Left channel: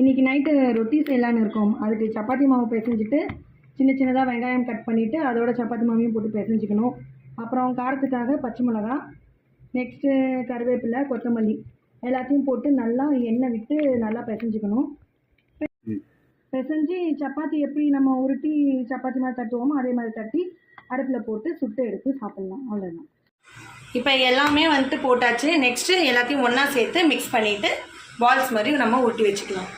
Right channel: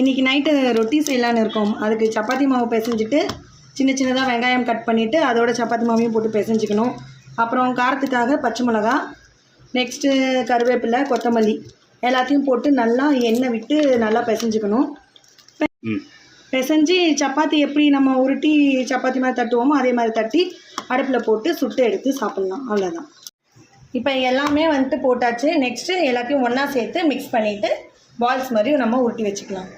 இன்றைக்கி நைட்டு ரொட்டி செய்யலான்னு இருக்கோம். அதுக்கு சப்பாத்தி மாவு பிசைஞ்சிட்டு சின்ன சின்னதாக வெங்காயம் கட் பண்ணிவிட்டு அதோட சப்பாத்தி மாவையும் போட்டு பிசைஞ்சிக்கணும். அப்புறம் காரத்துக்காக பச்சை மிளகா, நெக்ஸ்ட்டு கருவேப்பிலை, கொத்தமல்லி எல்லாத்தையும் போட்டு நல்லா எண்ணெய் விட்டு நல்லா பிசைஞ்சிக்கணும். பிசைஞ்சு சப்பாத்தி எப்படி நம்ம உருட்டி சப்பாத்தி மாதிரி தட்டுவோமோ அதே மாதிரி தட்டி அடுப்பில் போட்டு சுட்டு எடுத்து சாப்பிட்லாம். அவ்வளோதான். இப்போ எல்லாமே வந்துட்டு போட்டாச்சு. நெக்ஸ்ட்டு எல்லாத்தையும் ஒன்றா சேர்த்து மிக்ஸ் பண்ணிவிட்டு பால்ஸ் மாதிரி நம்ம உருட்டி வச்சுக்கலாம்.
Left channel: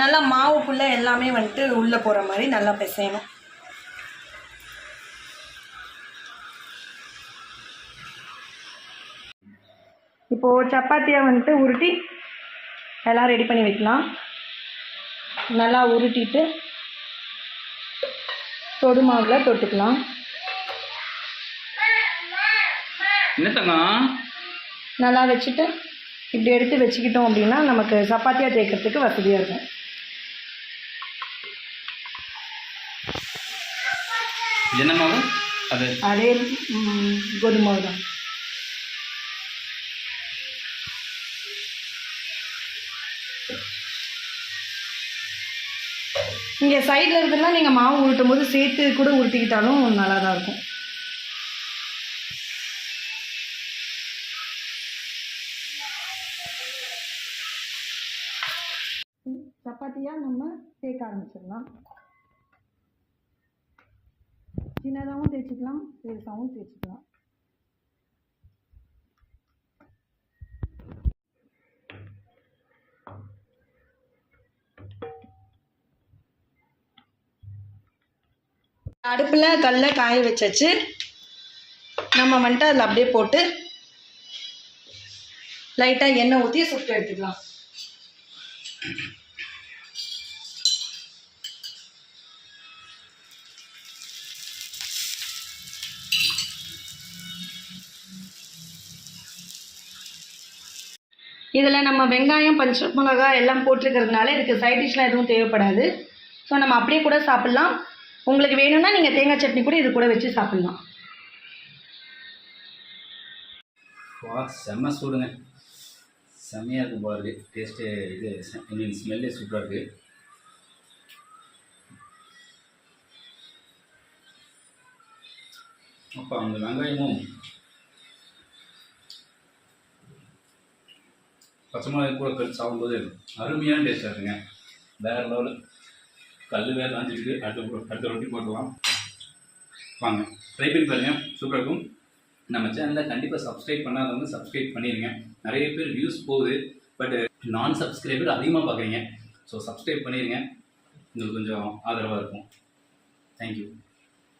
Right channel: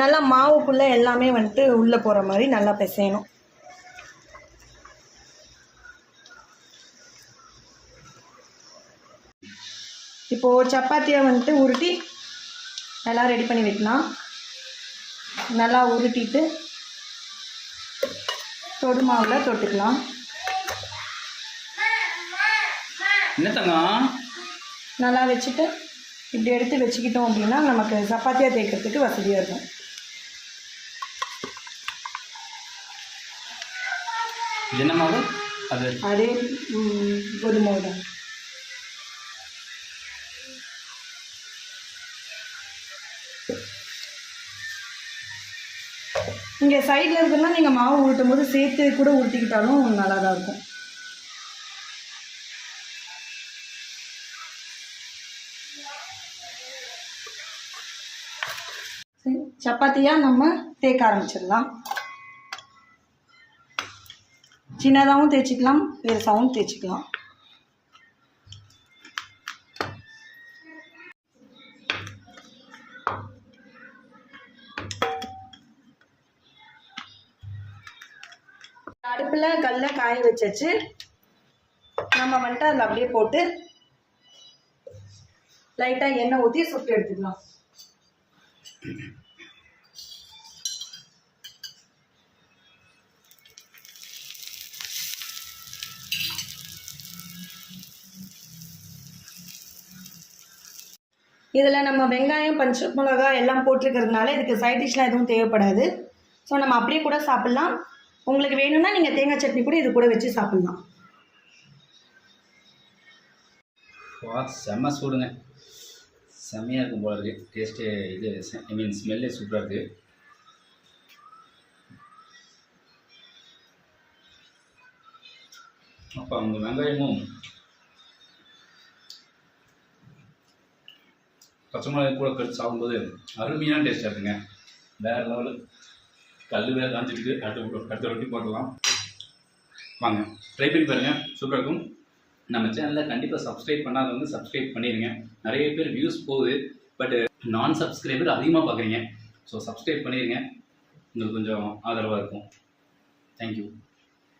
நல்லா மாவுக்குள்ளே எல்லாமே வந்துட்டு உள்ளே போகிற மாதிரி நல்லா பிசையணும். இப்போது சப்பாத்தியை வந்துட்டு உருட்டி எல்லாம் ரெடி பண்ணி வைக்கலாம். நல்லா உருட்டிட்டு தொடு மாவில் தொட்டுக்கலாம். நல்லா வச்சுட்டு இப்படி எடுத்து வச்சுக்கிட்டோம் அப்படின்னா நமக்கு சப்பாத்தியாக தேய்க்கிறதுக்கு வசதியாக இருக்கும். என்ன மாவு? அதே கோதுமை மாவு தான். இங்கே சைடில் இருக்குன்னா நீங்கள் மாவு உருட்டும் போது சேர்த்து கூட உருட்டிக்கிட்டாலும் நல்லா தான் இருக்கும். சப்பாத்தியாக நம்ம தேய்க்க ஆரம்பிச்சிடலாம். சின்னதாகவும் தேய்ச்சிக்கலாம், பெருசாகவும் தேய்ச்சிக்கலாம். அடுப்பில் கல்லை காய வச்சாச்சு. நம்ம வந்துட்டு அதில் அப்படியே போட்டு லைட்டாக எண்ணெய் ஊற்றி சுட்டு எடுத்துக்கலாம். இதில் நம்ம வெங்காயம், பச்சை மிளகா எல்லாம் போட்டிருக்கிறதுனால இதுக்கு சைட் டிஷ்லாம் எதுவும் தேவைப்படாது. ஸோ நம்ம அப்படியே கூட சாப்பிட்லாம். உங்களுக்கு வேணும்னா நீங்கள் தேங்காய் சட்னி கூட இது கூட வச்சு சாப்பிட்லாம். செம்ம சூடுங்க, செம்மையாக இருக்கும் போல இருக்குது. டேஸ்ட்டு இது ஐ மீன் ஸ்மெல்லே சூப்பராக இருக்குது. அப்போ அந்த வெங்காயமும் பச்சை மிளகாய் கூட கடிச்சு சாப்பிடும்போது அருமையான டேஸ்ட்டாக இருக்குங்க. வேறு லெவலு. கல் வேறு காஞ்சிருக்கு. அடுத்த ரொட்டி போட்டுக்கலாம். வாங்க ட்ரை பண்ணி பாருங்கள், சூப்பராக இருக்கும். நம்ம சேனலில் கண்டிப்பாக சப்ஸ்கிரைப் பண்ணாதவங்க சப்ஸ்கிரைப் பண்ணிடுங்க. நிறைய பேர் வியூஸ் போகுது, பட் நான் சப்ஸ்கிரைபர் அதிகமாக பார்க்குறீங்க. ஸோ சப்ஸ்கிரைப் பண்ணிடுங்க, உங்களுக்கு கொஞ்சம் ஆதரவாக இருக்கும். தேங்க்யூ.